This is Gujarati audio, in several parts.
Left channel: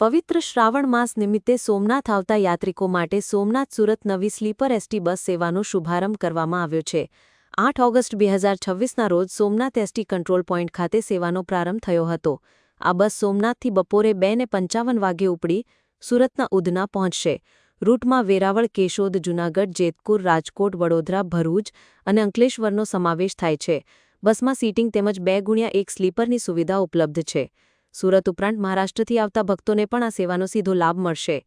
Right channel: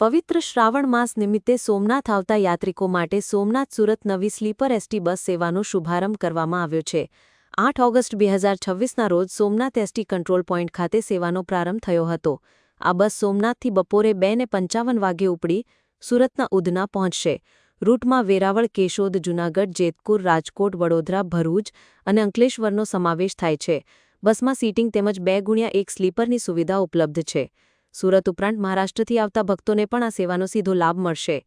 પવિત્ર શ્રાવણ માસ નિમિત્તે સોમનાથ આવતા યાત્રિકો માટે સોમનાથ સુરત નવી સ્લીપર એસટી બસ સેવાનો શુભારંભ કરવામાં આવ્યો છે। 8 ઓગસ્ટ 2026ના રોજ સોમનાથ એસટી કંટ્રોલ પોઇન્ટ ખાતે સેવાનો પ્રારંભ થયો હતો। આ બસ સોમનાથથી બપોરે 2:55 વાગ્યે ઉપડી સુરતના ઉધના પહોંચશે। રૂટમાં વેરાવળ, કેશોદ, જૂનાગઢ, જેતપુર, રાજકોટ, વડોદરા, ભરૂચ અને અંકલેશ્વરનો સમાવેશ થાય છે। બસમાં સીટિંગ તેમજ 2x1 સ્લીપરની સુવિધા ઉપલબ્ધ છે। સુરત ઉપરાંત મહારાષ્ટ્રથી આવતા ભક્તોને પણ આ સેવાનો સીધો લાભ મળશે।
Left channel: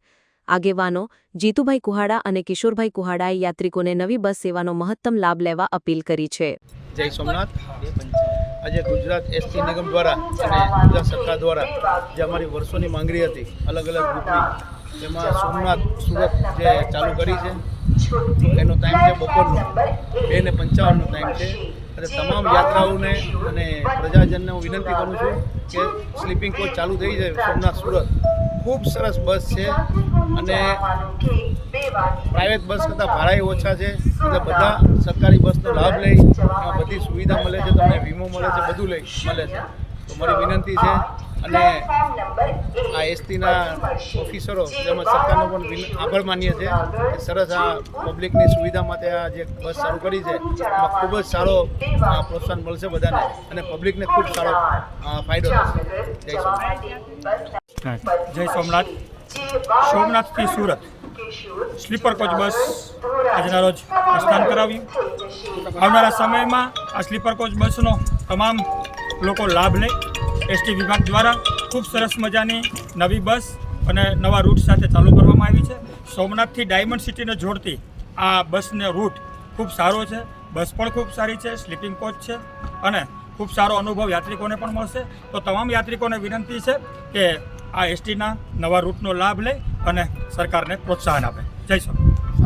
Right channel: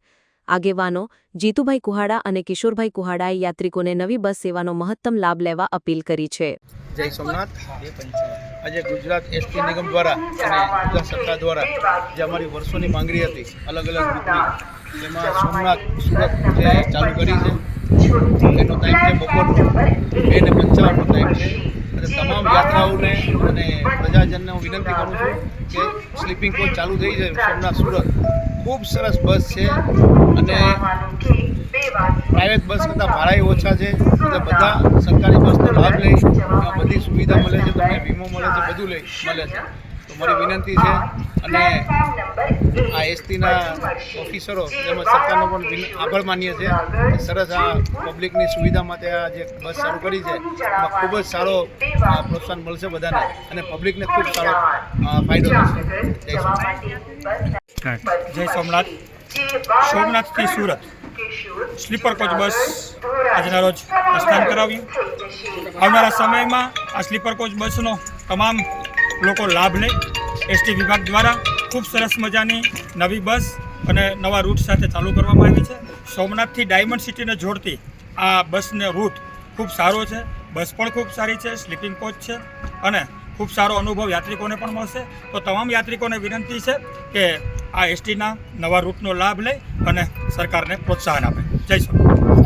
આગેવાનો જીતુભાઈ કુહાડા અને કિશોરભાઈ કુહાડાએ યાત્રિકોને નવી બસ સેવાનો મહત્તમ લાભ લેવા અપીલ કરી છે। જય સોમનાથ। આજે ગુજરાત એસટી નિગમ દ્વારા અને ગુજરાત સરકાર દ્વારા જે અમારી વર્ષોની માંગણી હતી અલગ અલગ રૂટની, તેમાં સોમનાથ સુરત જે ચાલુ કરી છે, એનો ટાઈમ છે બપોરનો 2:55નો ટાઈમ છે। અને તમામ યાત્રાઓને અને પ્રજાજનને હું વિનંતી કરું છું કે સ્લીપિંગ કોચ ચાલુ થઈ છે સોમનાથ સુરત। ખૂબ સરસ બસ છે અને પ્રાઇવેટ બસ કરતાં ભાડા ઓછા છે, એટલે બધા સરકારી બસનો લાભ લઈ એમાં બધી સુવિધા મળે છે, તમને વીમો મળે છે, બધું મળે છે। તો મારી વિનંતી છે અને આ એસટીના ઓફિસરો તેમજ સરકારનો પણ આભાર માનીએ છીએ કે સરસ આ પબ્લિકની સુવિધા માટે આ જે બસ શરૂ કરી છે એમાં ખૂબ જ સારો પ્રોત્સાહન મળશે બધાને અને પબ્લિકને ખૂબ સારો ફાયદો થશે। જય સોમનાથ। જય સોમનાથ। સોમનાથથી સુરત સ્લીપર કોચ બસ આજના રોજ પ્રસ્થાન કરાવ્યું। આવનારા સમયમાં આ સ્લીપર કોચ બસનો તમામ લોકો લાભ લે। એસટી વિભાગ દ્વારા ખૂબ સરસ મજાની નવી બસ અને નવા રૂટ સાથે ચાલુ કરવામાં આવી છે। સોમનાથથી ડાયમંડ સિટીને જોડતી આ બસનો રૂટ ખૂબ સારો છે, બસ પણ ખૂબ સારી છે, સ્લીપિંગ કોચ છે અને ખૂબ સારો અનુભવ યાત્રિકોને પણ મળશે। તો તમામ યાત્રિકોને વિનંતી છે કે આ એસટીના નવા રૂટનો લાભ લે અને સરકારને પ્રોત્સાહન આપે। જય સોમનાથ।